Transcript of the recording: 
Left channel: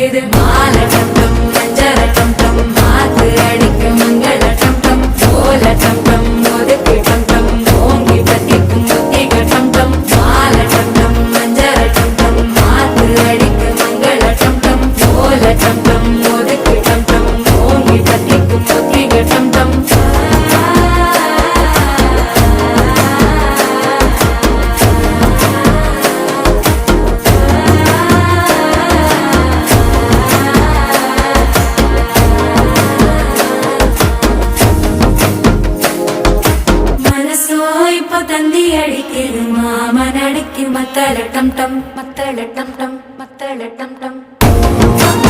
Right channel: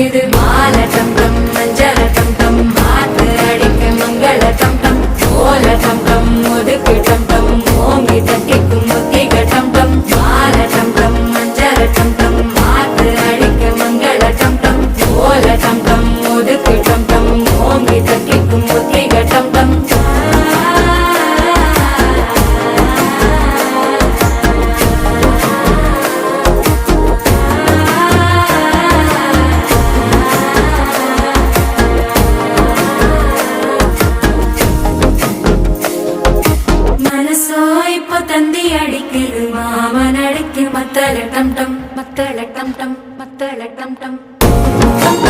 அடிக்குது மால டம் டம் மஞ்சள டம் டம் மாத்து அடிக்க மங்கள டம் டம் ஓல டம் டம் ஒதுக்கு டம் டம் ஓங்கி தட்டிக்கும் முத்திக டம் டம் மால டம் டம் மஞ்சள டம் டம் மாத்து அடிக்க மங்கள டம் டம் ஓல டம் டம் ஒதுக்கு டம் டம் ஓங்கி தட்டிக்கும் முத்திக டம் டம் தந்தி அடிக்குது மாமன் அடிக்கு மத்தள டம் டம் மத்தள டம் டம் மத்தள டம் டம்